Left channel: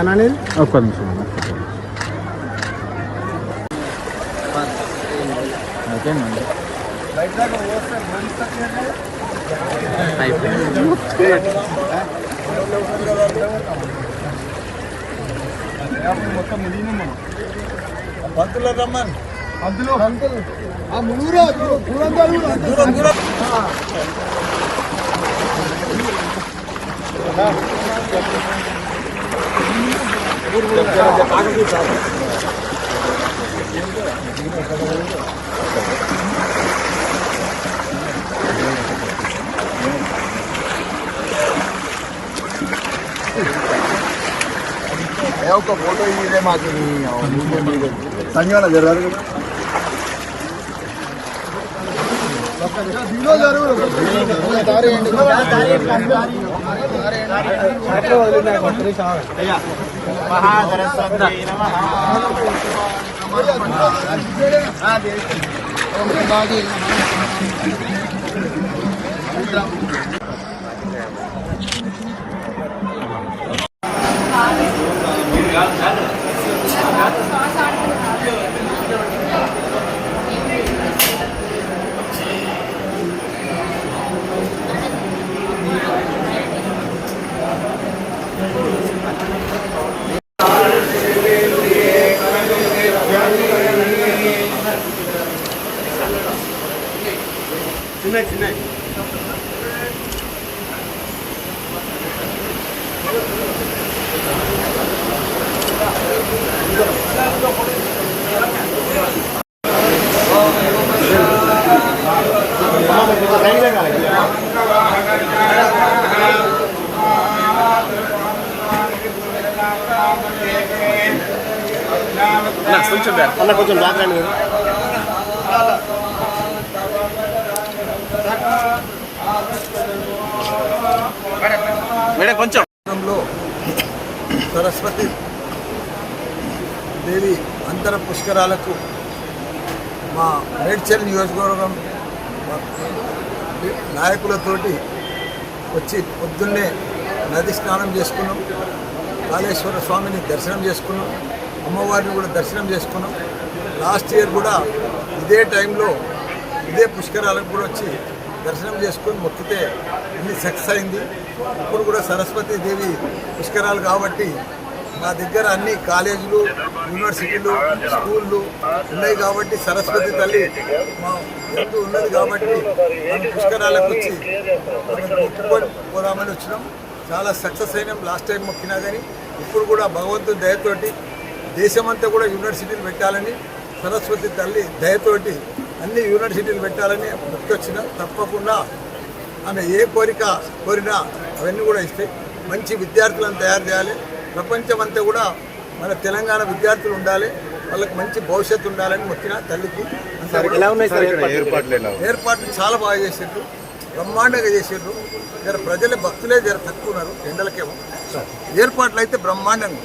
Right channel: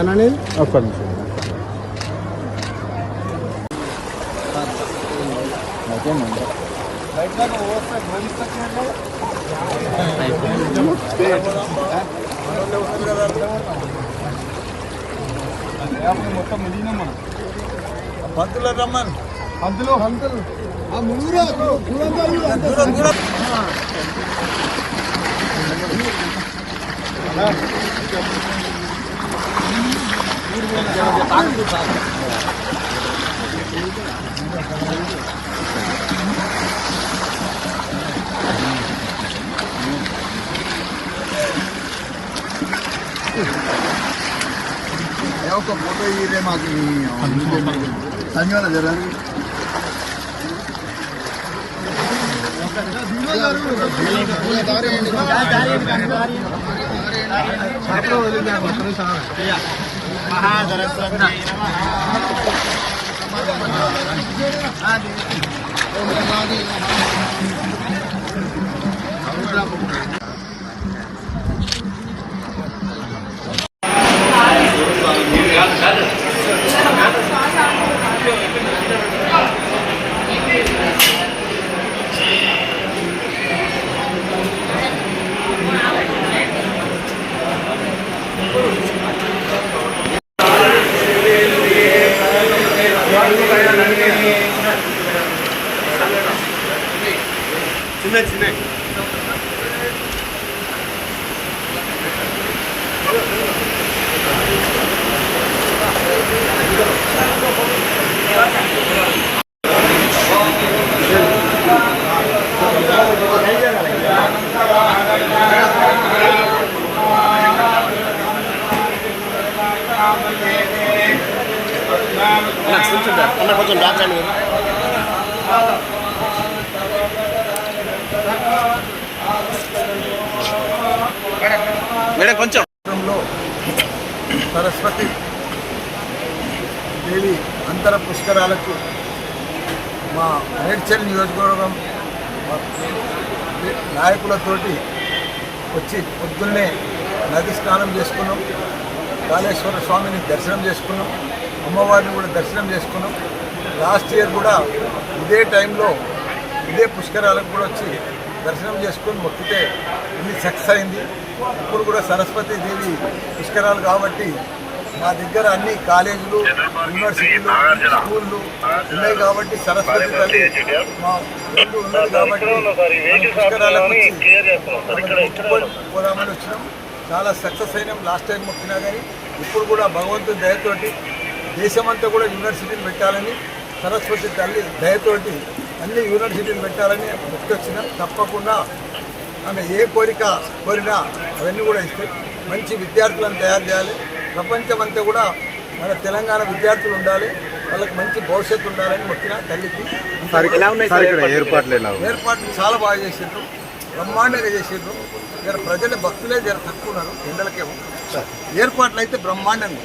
అన్నని ఒక్క నిమిషం. మొత్తం పంతులు రమ్మని పంతులు దూరం దూరం సంజీవన జరగాలి చిన్న కొంచెం కొంచెం బ్యాక్ అండి మేడం కొంచెం సరస్వతి దేవి అంతర పుష్కరాలకు మా మేడ్చల్ నియోజకవర్గం నాయకులతోటి వచ్చి పొద్దున్నే నది స్నానం చేసుకున్నాం, కాళేశ్వర స్వామిని దర్శనం చేసుకున్నాం, అమ్మవారిని కూడా దర్శనం చేసుకున్నాం. లాస్ట్ ఇయర్ కూడా ఇదే టైంలో ఇదే పుష్కరాలకు కూడా వచ్చి దర్శనం చేసుకొని మొక్కితే అన్ని సక్సెస్ అయింది. ఇప్పుడు కూడా సరస్వతి దేవి పుష్కరాలు కాబట్టి మా దగ్గర అన్ని కాలేజీలు, యూనివర్సిటీలు, స్కూళ్ళు ఉన్నాయి కాబట్టి సరస్వతి తల్లి మా ఊళ్ళు ఉన్నది కాబట్టి పుష్కరాలకు వచ్చి పోదామని వచ్చినాం. చాలా సక్సెస్ అయినాం. లాస్ట్ టైం మొక్కినా కానీ ఇప్పుడు కూడా భగవంతుని దయతోటి దేశమంతా కూడా యూనివర్సిటీలు పెట్టాలని, సరస్వతి తల్లి దయతోటి అన్ని యూనివర్సిటీలు పెట్టాలని గుర్తొచ్చిన తప్పకుండా ఆమె ఏ కోరిక కోరినా అవన్నీ కూడా ఇస్తే మంచి విద్యార్థులను తయారు చేయాలి. ప్రపంచమంతా కూడా మన తెలంగాణ విద్యార్థులు ఉండాలి, వాళ్ళకి మంచి భవిష్యత్తు ఉండాలని మొక్కిన తల్లికి. ఏర్పాట్లు చాలా బాగా చేసిండ్రు, బ్రహ్మాండంగా చేసిండ్రు. జర ప్రజల భక్తులే జర తక్కువ ఉన్నారు, ఎండలకేమో. ఏర్పాట్లు అయితే బ్రహ్మాండంగా